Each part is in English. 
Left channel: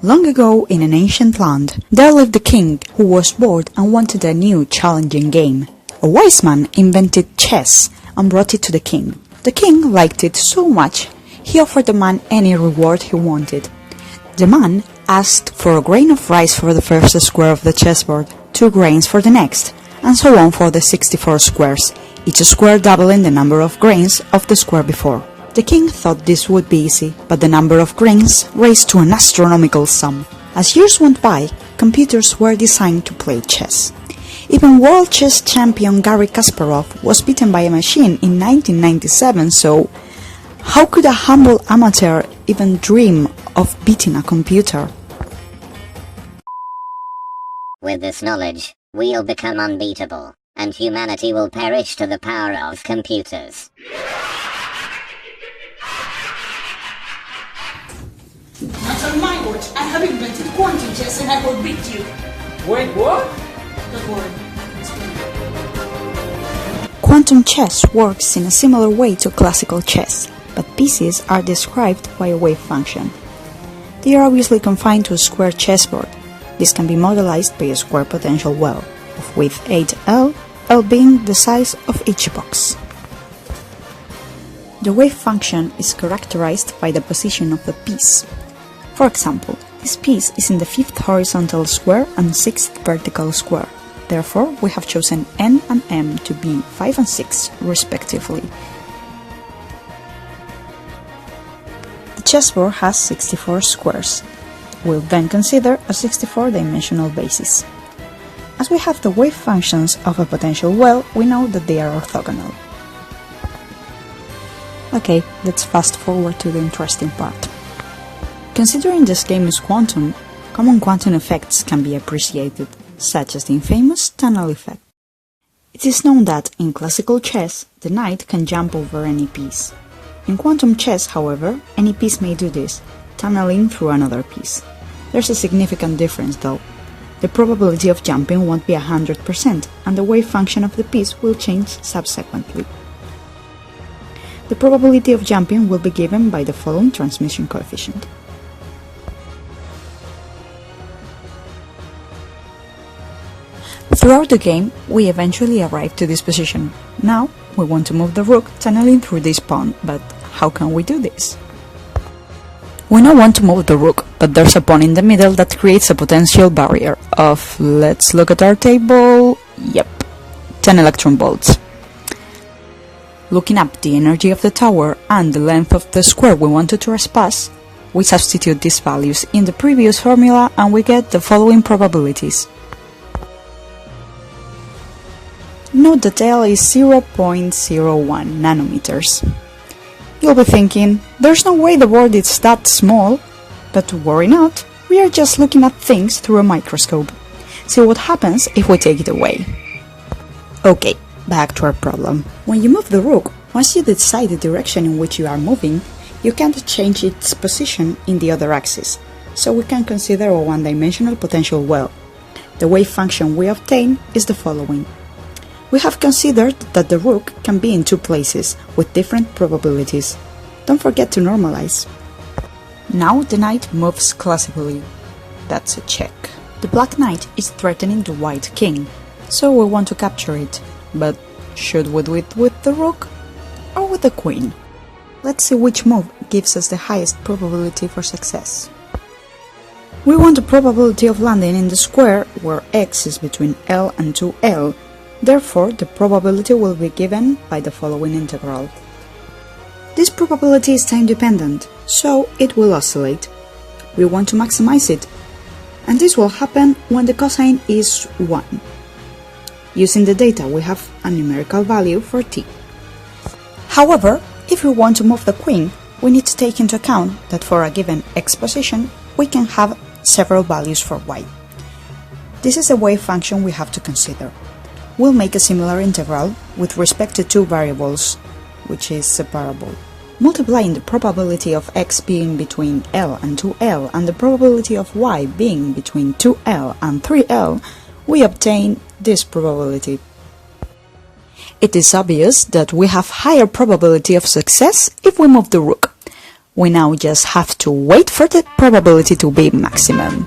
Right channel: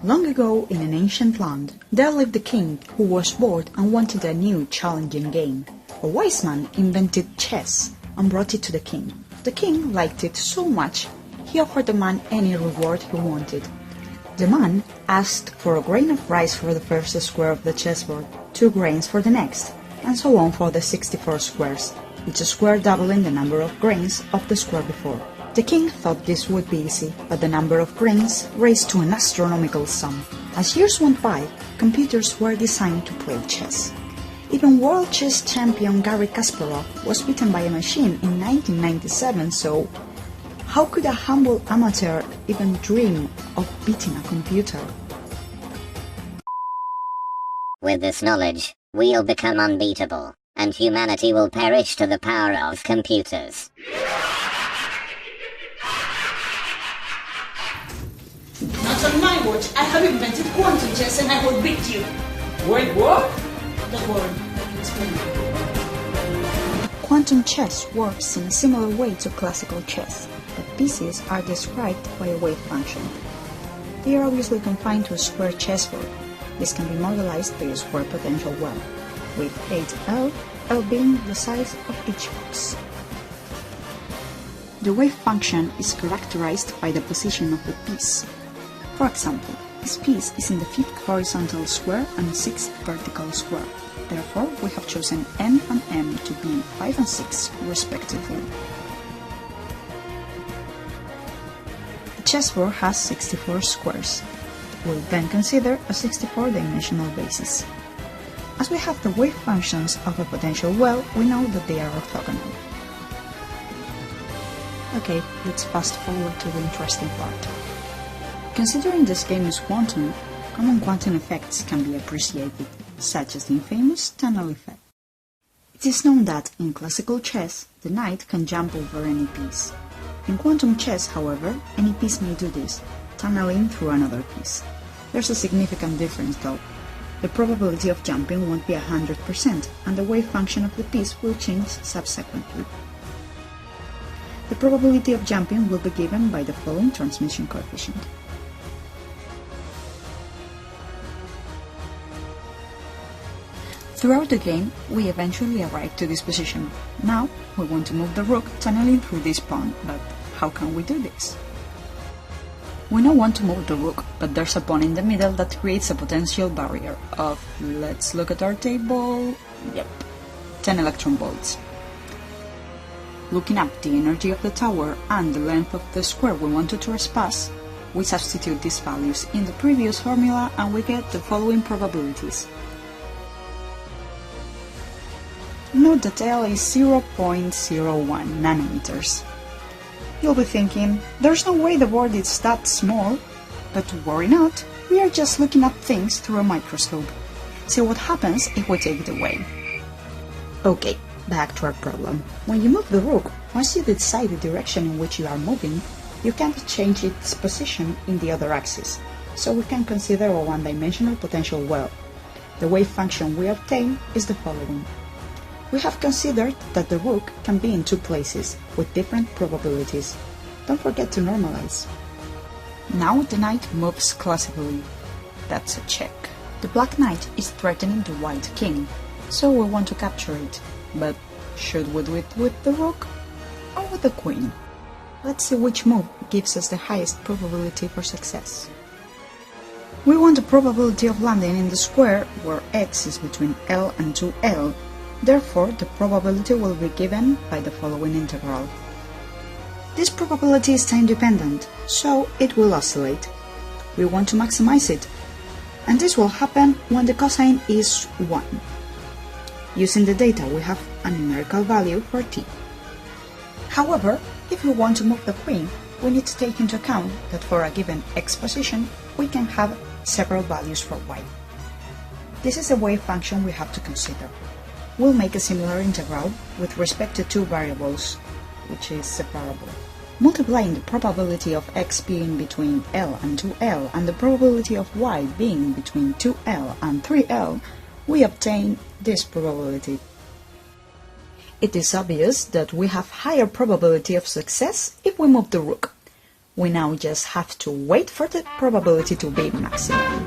Long ago, in an ancient land, there lived a king who was bored and wanted a new, challenging game. A wise man invented chess and brought it to the king. The king liked it so much, he offered the man any reward he wanted. The man asked for a grain of rice for the first square of the chessboard, 2 grains for the next, and so on for the 64 squares, each square doubling the number of grains of the square before. The king thought this would be easy, but the number of grains raised to an astronomical sum. As years went by, computers were designed to play chess. Even world chess champion Garry Kasparov was beaten by a machine in 1997, so how could a humble amateur even dream of beating a computer? With this knowledge, we'll become unbeatable, and humanity will perish to the power of computers. That's a language. I have invented quantum chess and I will beat you. Wait, what? Don't worry. Quantum chess works in a similar way to classical chess, but pieces are described by a wave function. They are obviously confined to a square chessboard. This can be modelized by a square potential well, of width 8L, L being the size of each box. The wave function is characterized by the position of the piece. For example, this piece is in the 5th horizontal square and 6th vertical square. Therefore, we have chosen N and M to be 5 and 6, respectively. The chessboard has 64 squares. We'll then consider a 64-dimensional basis. As we have the wave functions of a potential well, we know that they are orthogonal. Okay, let's fast forward to the interesting part. Considering this game is quantum, common quantum effects can be appreciated, such as the infamous tunnel effect. It is known that, in classical chess, the knight can jump over any piece. In quantum chess, however, any piece may do this, tunneling through another piece. There's a significant difference though. The probability of jumping won't be 100%, and the wave function of the piece will change subsequently. The probability of jumping will be given by the following transmission coefficient. Throughout the game, we eventually arrive to this position. Now, we want to move the rook tunneling through this pawn, but how can we do this? We now want to move the rook, but there's a pawn in the middle that creates a potential barrier of, let's look at our table, yep, 10 electron volts. Looking up the energy of the tower and the length of the square we want to trespass, we substitute these values in the previous formula and we get the following probabilities. Note that L is 0.01 nanometers. You'll be thinking, there's no way the world is that small, but worry not, we are just looking at things through a microscope. See what happens if we take it away. Okay, back to our problem. When you move the rook, once you decide the direction in which you are moving, you can't change its position in the other axis, so we can consider a one-dimensional potential well. The wave function we obtain is the following. We have considered that the rook can be in 2 places, with different probabilities. Don't forget to normalize. Now the knight moves classically. That's a check. The black knight is threatening the white king, so we want to capture it. But should we do it with the rook or with the queen? Let's see which move gives us the highest probability for success. We want a probability of landing in the square where x is between L and 2L. Therefore, the probability will be given by the following integral. This probability is time-dependent, so it will oscillate. We want to maximize it, and this will happen when the cosine is 1. Using the data, we have a numerical value for t. However, if we want to move the queen, we need to take into account that for a given x position, we can have several values for y. This is a wave function we have to consider. We'll make a similar integral with respect to 2 variables, which is separable. Multiplying the probability of x being between L and 2L and the probability of y being between 2L and 3L, we obtain this probability. It is obvious that we have higher probability of success if we move the rook. We now just have to wait for the probability to be maximum.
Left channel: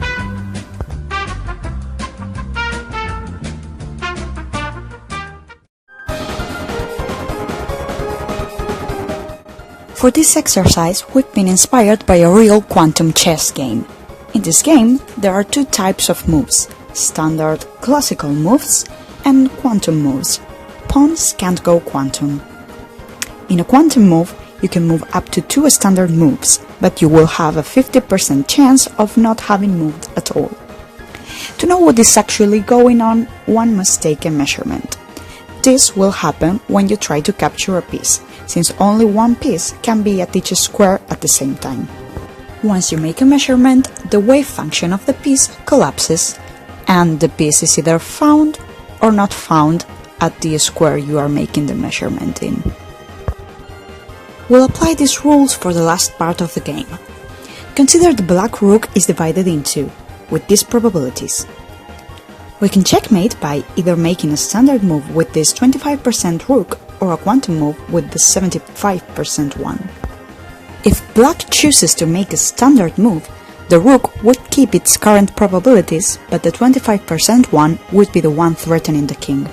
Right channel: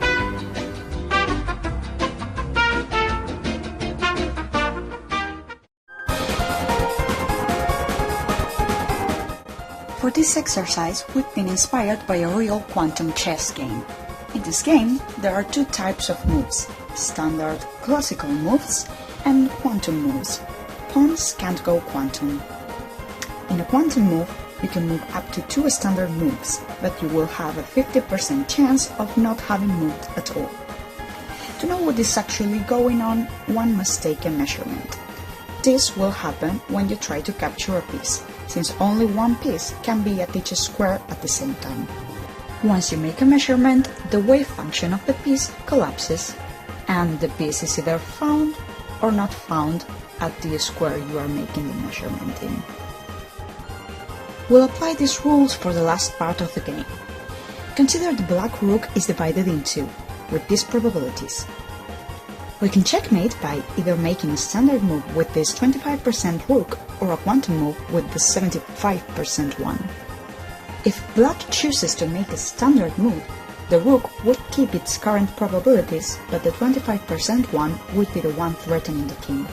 For this exercise, we've been inspired by a real quantum chess game. In this game, there are two types of moves: standard classical moves and quantum moves. Pawns can't go quantum. In a quantum move, you can move up to 2 standard moves, but you will have a 50% chance of not having moved at all. To know what is actually going on, one must take a measurement. This will happen when you try to capture a piece, since only one piece can be at each square at the same time. Once you make a measurement, the wave function of the piece collapses, and the piece is either found or not found at the square you are making the measurement in. We'll apply these rules for the last part of the game. Consider the black rook is divided in two, with these probabilities. We can checkmate by either making a standard move with this 25% rook or a quantum move with the 75% one. If black chooses to make a standard move, the rook would keep its current probabilities, but the 25% one would be the one threatening the king.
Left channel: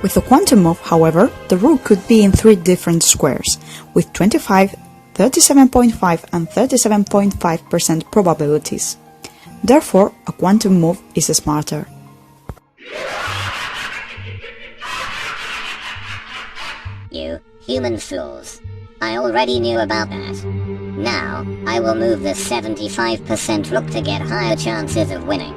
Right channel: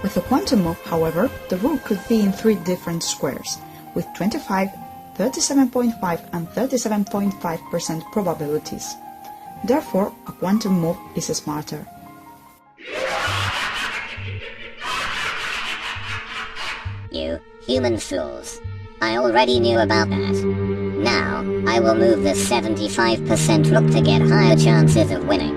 With the quantum move, however, the rook could be in 3 different squares, with 25, 37.5 and 37.5% probabilities. Therefore, a quantum move is smarter. You human fools. I already knew about that. Now, I will move the 75% rook to get higher chances of winning.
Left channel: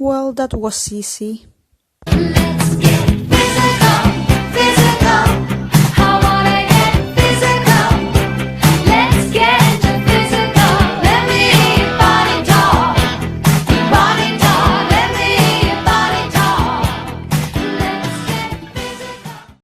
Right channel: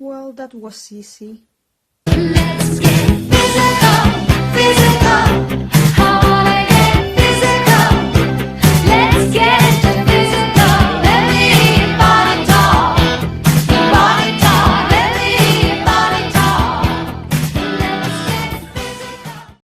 Well, that was easy. Let's